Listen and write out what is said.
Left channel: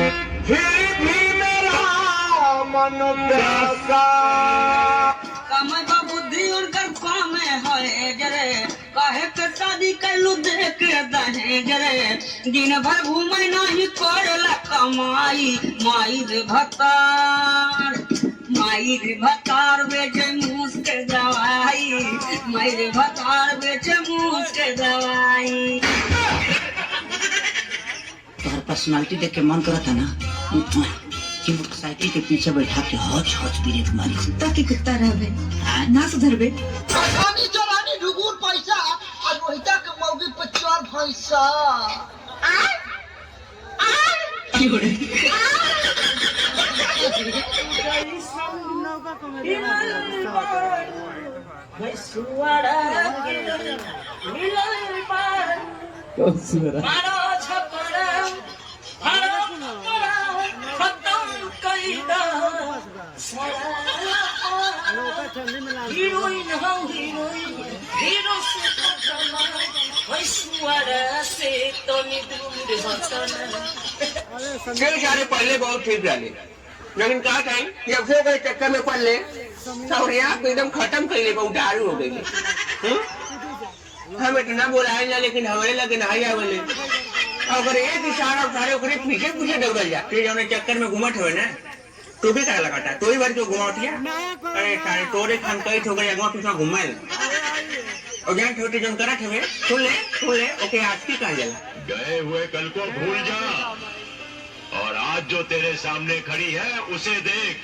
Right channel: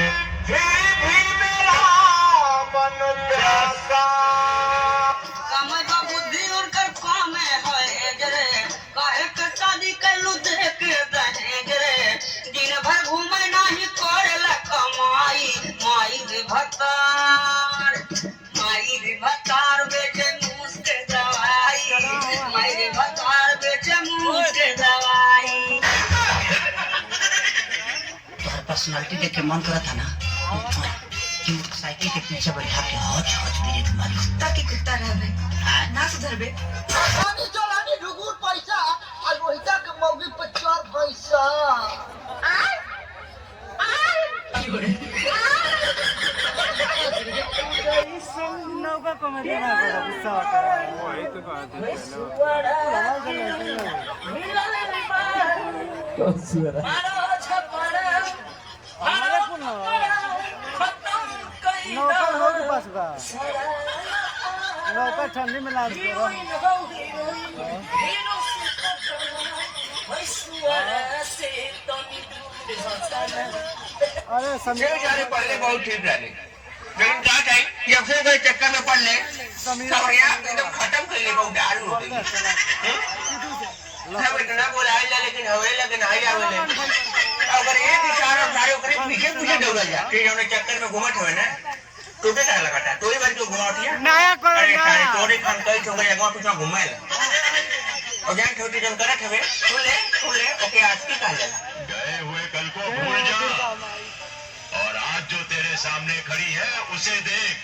फिर भी मेरा मन प्यासा कमर बुद्धि उनकर काम है जरे काहे के शादी कैलू देख दहे जरे दिन भर घूमे नहीं करेला कमाई माई रे भतार बेचे मुँह के दवाई माई रे भतार बेचे मुँह के दवाई। तुम्हारा पर्सनालिटी देख के मन करा था ना कि मोटरसाइकिल के पीछे बैठा के हौच हौच पीरे तुम्हारी कुत्ता की कुत्ता रहबे ना सुधरबे। आगे चलानी ढुगुर पैसा और पैसा के मौगी पे चार भैंसा नौका को मैं देना पड़ा गुस्सा होता नौका के पास बा नौका ठंडी में लाग अरे जाने पढ़ले बहुत ठीक रहे लेकिन क्या टाइम कि अब सो गए चक्कर में पढ़ ले और यहाँ एकदम खत्म कर ले बहुत दारू हो गई। हम इतना बोला लेकिन हमारे लगे नहीं आ गए अगर एक इशारा सारे ओकरे पीछे पीछे डबल जा फिर हमने चक्कर में घुमट हुए ना तो भी करा लगाता तो ही बार जो घुमाटिया अरे सारे तोरे खान कई ठोकर जगह पीछे घुमाए और जहाँ छोटी जम करा थे सुन ले ओके आज की कहा जाला गए हुए कल को भूल जा और आज जो तेरे सामने खड़ी है उसे देख।